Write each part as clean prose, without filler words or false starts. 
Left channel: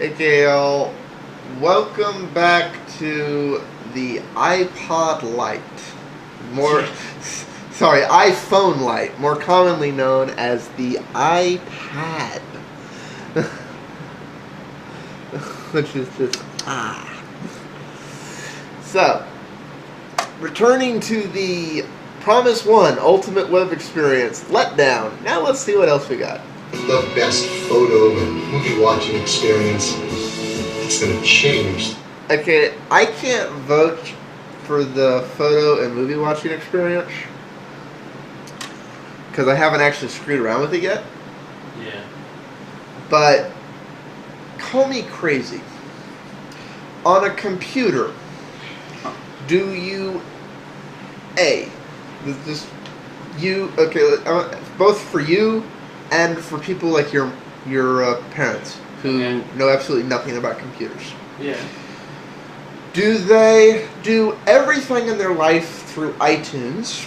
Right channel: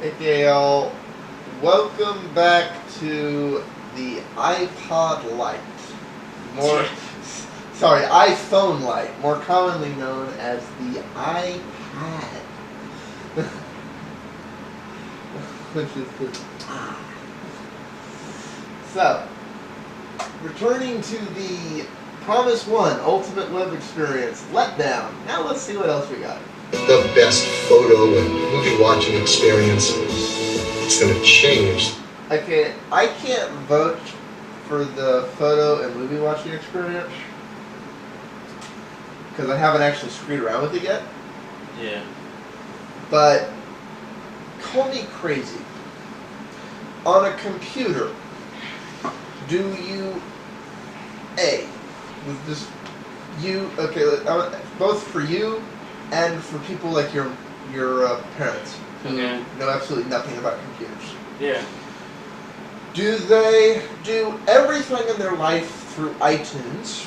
Okay, y'all. Welcome back to the iPod Lite. More, sorry, iPhone Lite, more commonly known as the iPad. Which is just So, returning to the Promise One Ultimate Web Experience letdown. Now let's see what else we got. The best photo and movie watching experience. It's gonna change. Okay, I can't vote for the photo and movie watching experience because I haven't actually screwed around with it yet. Yeah. But call me crazy. On a computer, do you both for you and for people like your parents who know absolutely nothing about computers. Yeah. Do they do everything in their life through iTunes?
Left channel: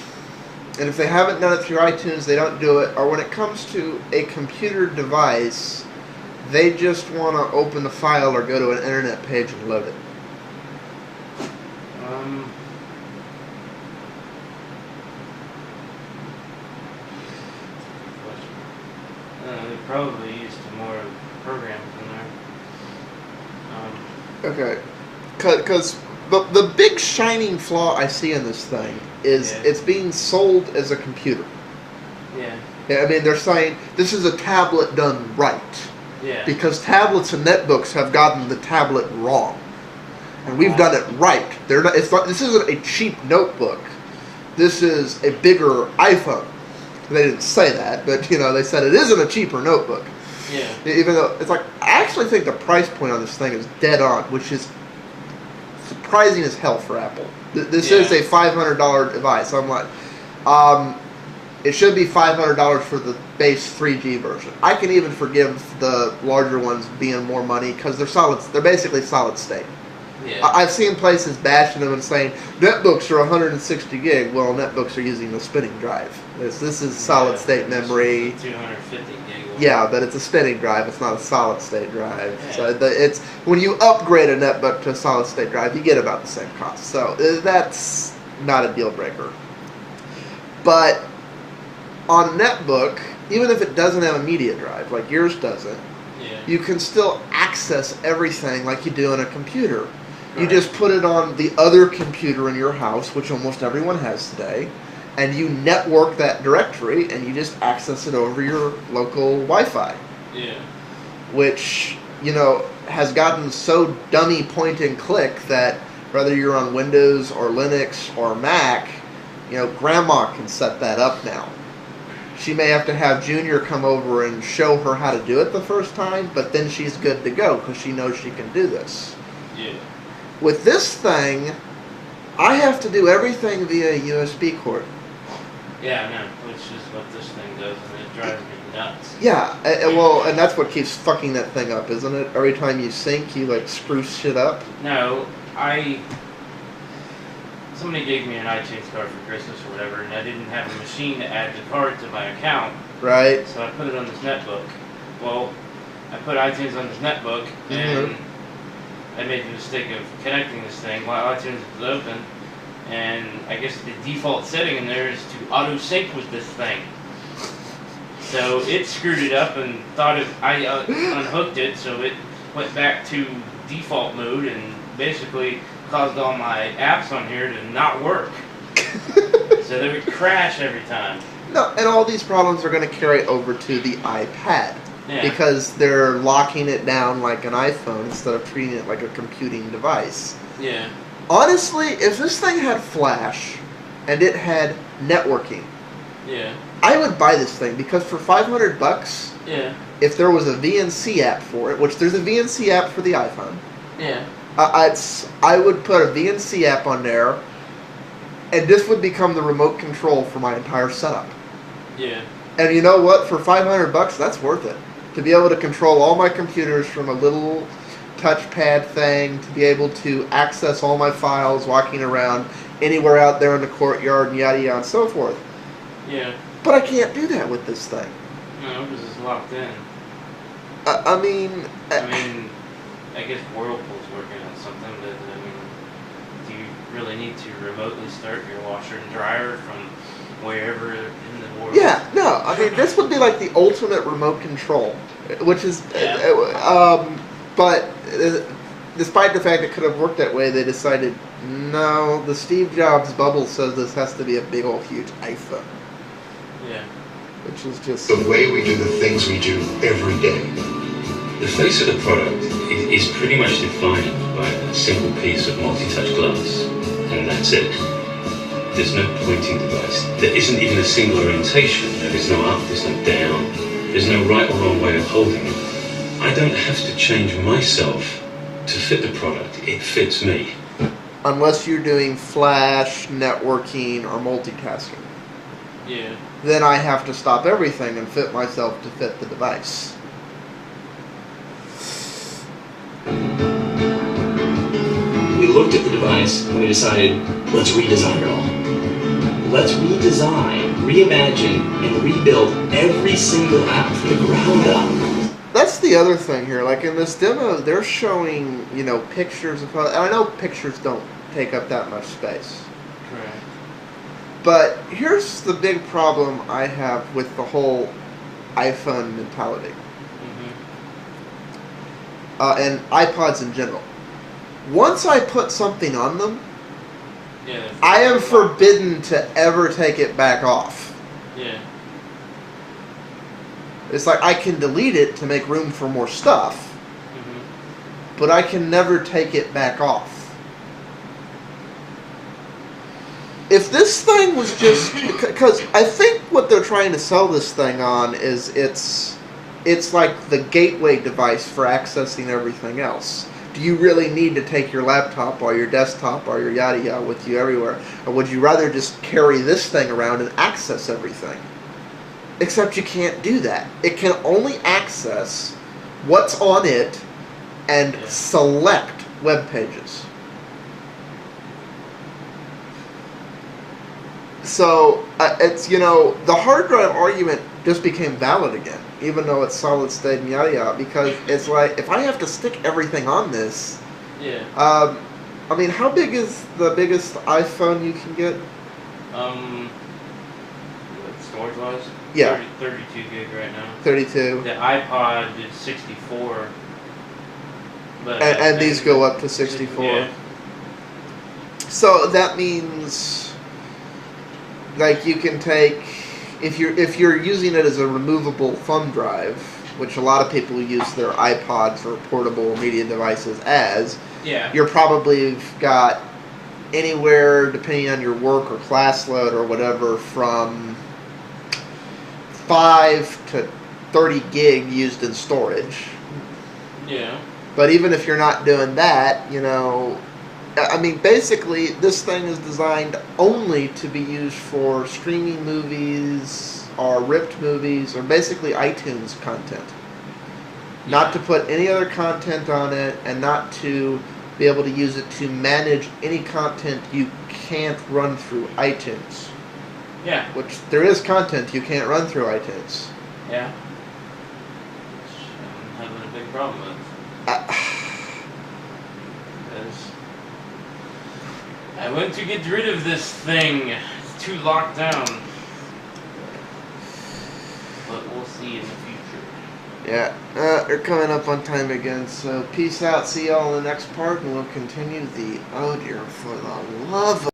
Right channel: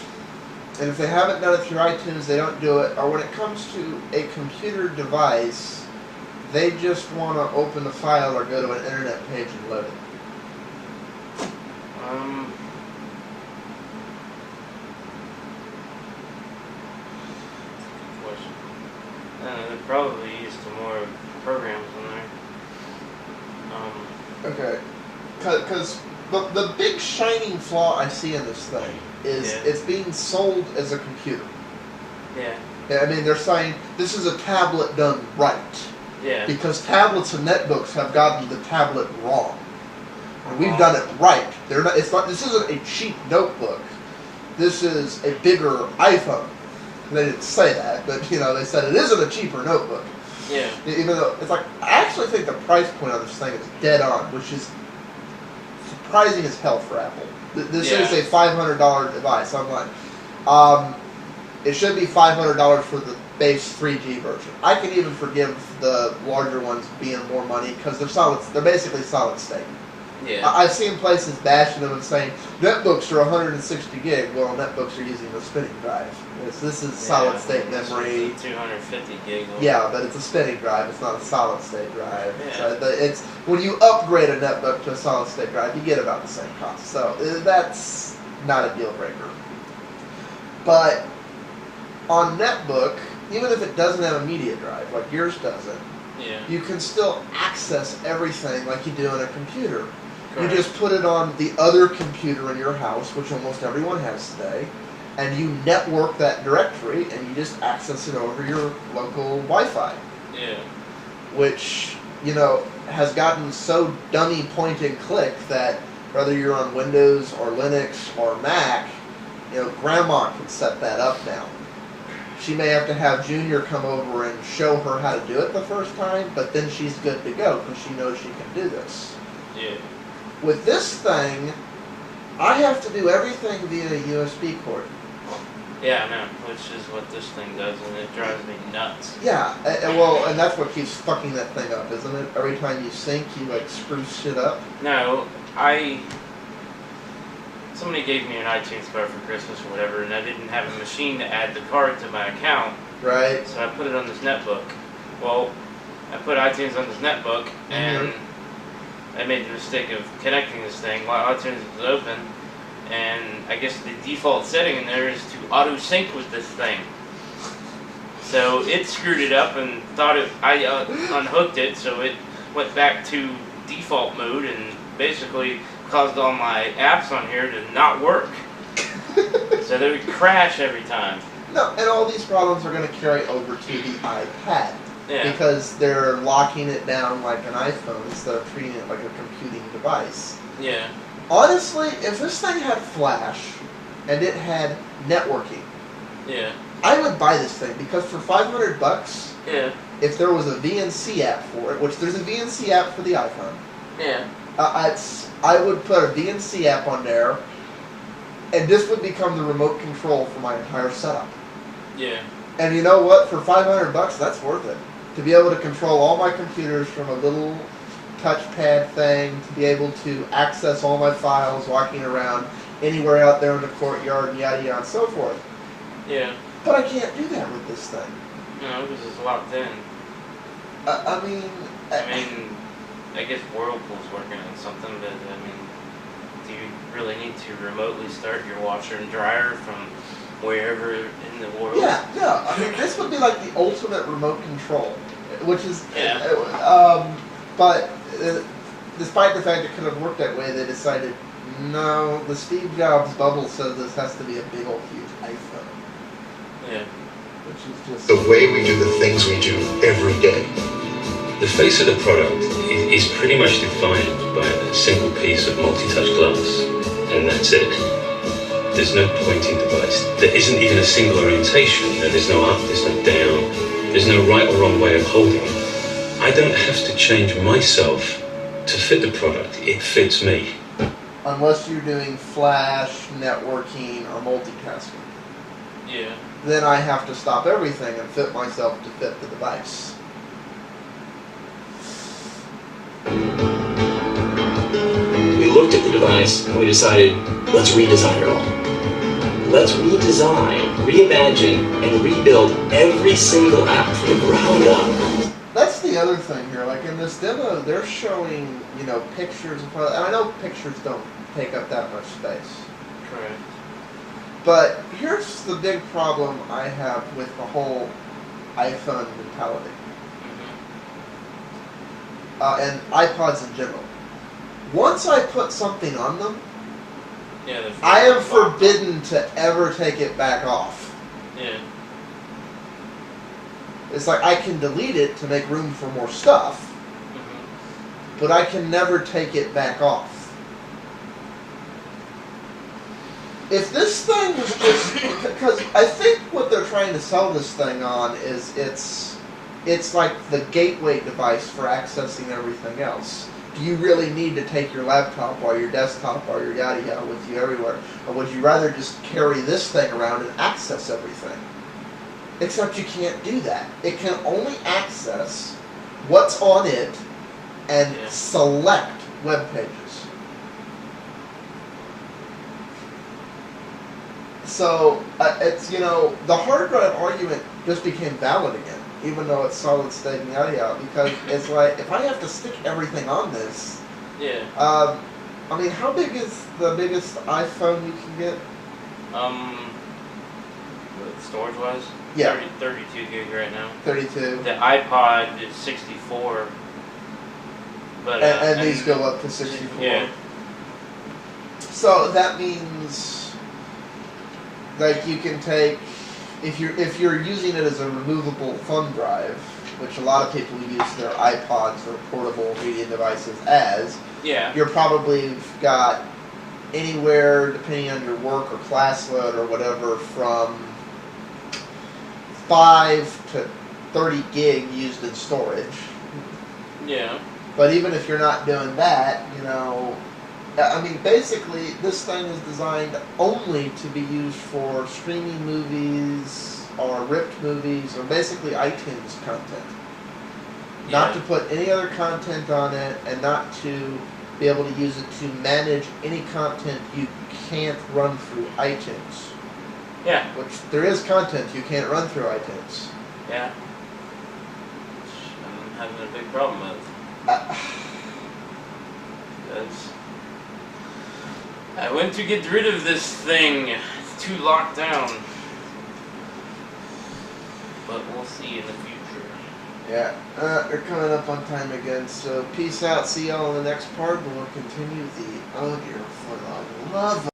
And if they haven't done it through iTunes, they don't do it. Or when it comes to a computer device, they just want to open the file or go to an internet page and load it. They probably used more programs on there. Okay. Because the big shining flaw I see in this thing is it's being sold as a computer. Yeah. Yeah, I mean, they're saying this is a tablet done right. Yeah. Because tablets and netbooks have gotten the tablet wrong. And we've done it right. This isn't a cheap notebook. This is a bigger iPhone. They didn't say that, but they said it isn't a cheaper notebook. Yeah. Even though it's like, I actually think the price point on this thing is dead on, which is surprising as hell for Apple. This is a $500 device. I'm like, it should be $500 for the base 3G version. I can even forgive the larger ones being more money because they're basically solid state. Yeah. I've seen places bashing them and saying netbooks are 160 gig. Well, netbooks are using the spinning drive. This is solid state memory. 250 gig. Yeah, but it's a spinning drive. It's not a solid state drive. Yeah. So it's when you upgrade a netbook to a solid state drive, you get about the same cost. So that's not a deal breaker. But on netbook, even if it doesn't have a media drive like yours doesn't, you can still access everything like you do on a computer. You just put it on the other computer in your house, which almost everyone has today, and you network that directory, and you just access it over your local Wi-Fi. Yeah. Which, has gotten so dummy point and click that whether you're on Windows or Linux or Mac, Grandma can set that up now. She may have to have Junior come over and show her how to do it the first time, but then she's good to go because she knows she can do this. Yeah. With this thing, I have to do everything via USB cord. Yeah, I know, which is what this thing does, and it drives me nuts. Yeah, well, and that's what keeps fucking that thing up, isn't it? Every time you sync, you, screw shit up. No, somebody gave me an iTunes card for Christmas or whatever, and I didn't have a machine to add the card to my account. Right. So I put it on this netbook. Well, I put iTunes on this netbook, and I made the mistake of connecting this thing while iTunes was open, and I guess the default setting in there is to auto-sync with this thing. So it screwed it up and thought I unhooked it, so it went back to default mode and basically caused all my apps on here to not work. So they would crash every time. No, and all these problems are going to carry over to the iPad. Yeah. Because they're locking it down like an iPhone instead of treating it like a computing device. Yeah. Honestly, if this thing had flash and it had networking, I would buy this thing because for $500, if there was a VNC app for it, which there's a VNC app for the iPhone, I would put a VNC app on there, and this would become the remote control for my entire setup. Yeah. And you know what? For $500, that's worth it. To be able to control all my computers from a little touchpad thing, to be able to access all my files walking around anywhere out there in the courtyard, and yada yada and so forth. Yeah. But I can't do that with this thing. No, because it's locked in. I mean, I guess Whirlpool's working on something, but I mean, do you really need to remotely start your washer and dryer from wherever in the world? Yeah, no, I mean, this would be like the ultimate remote control, which is, but despite the fact it could have worked that way, they decided, no, the Steve Jobs bubble says this has to be a big old huge iPhone. Yeah. Which is just... The way we do the things we do every day. The face of the product is pretty much defined by a single piece of multi-touch glass, and that's it. There's no pointing device. There isn't even a single orientation. There's no up, there's no down, there's no right or wrong way of holding it. I don't have to change myself to fit the product. It fits me. Unless you're doing flash, networking, or multitasking. Yeah. Then I have to stop everything and fit myself to fit the device. We looked at the device and we decided, let's redesign it all. Let's redesign, reimagine, and rebuild every single app from the ground up. That's the other thing here. Like in this demo, they're showing, pictures of... And I know pictures don't take up that much space. Correct. But here's the big problem I have with the whole iPhone mentality. And iPods in general. Once I put something on them, I am forbidden to ever take it back off. Yeah. It's like I can delete it to make room for more stuff, but I can never take it back off. If this thing was just... Because I think what they're trying to sell this thing on is it's like the gateway device for accessing everything else. Do you really need to take your laptop or your desktop or your yada yada with you everywhere? Or would you rather just carry this thing around and access everything? Except you can't do that. It can only access what's on it and select web pages. So, it's, the hard drive argument just became valid again, even though it's solid state and yada yada, because it's like, if I have to stick everything on this, I mean, how big is the biggest iPhone you can get? Storage-wise? Yeah. 32 gig right now. 32. The iPod is 64. But, and these go up to 64. Yeah. So that means... Like you can take, if you're using it as a removable thumb drive, which a lot of people use their iPods or portable media devices as, you're probably got anywhere, depending on your work or class load or whatever, from 5 to 30 gig used in storage. Yeah. But even if you're not doing that, I mean, basically, this thing is designed only to be used for streaming movies or ripped movies or basically iTunes content. Not to put any other content on it and not to be able to use it to manage any content you can't run through iTunes. Yeah. Which there is content you can't run through iTunes. Yeah. Which I'm having a big problem with. Because I went to get rid of this thing. It's too locked down. But we'll see in the future. Yeah, they're coming up on time again, so peace out, see y'all in the next part, and we'll continue the audio for the love of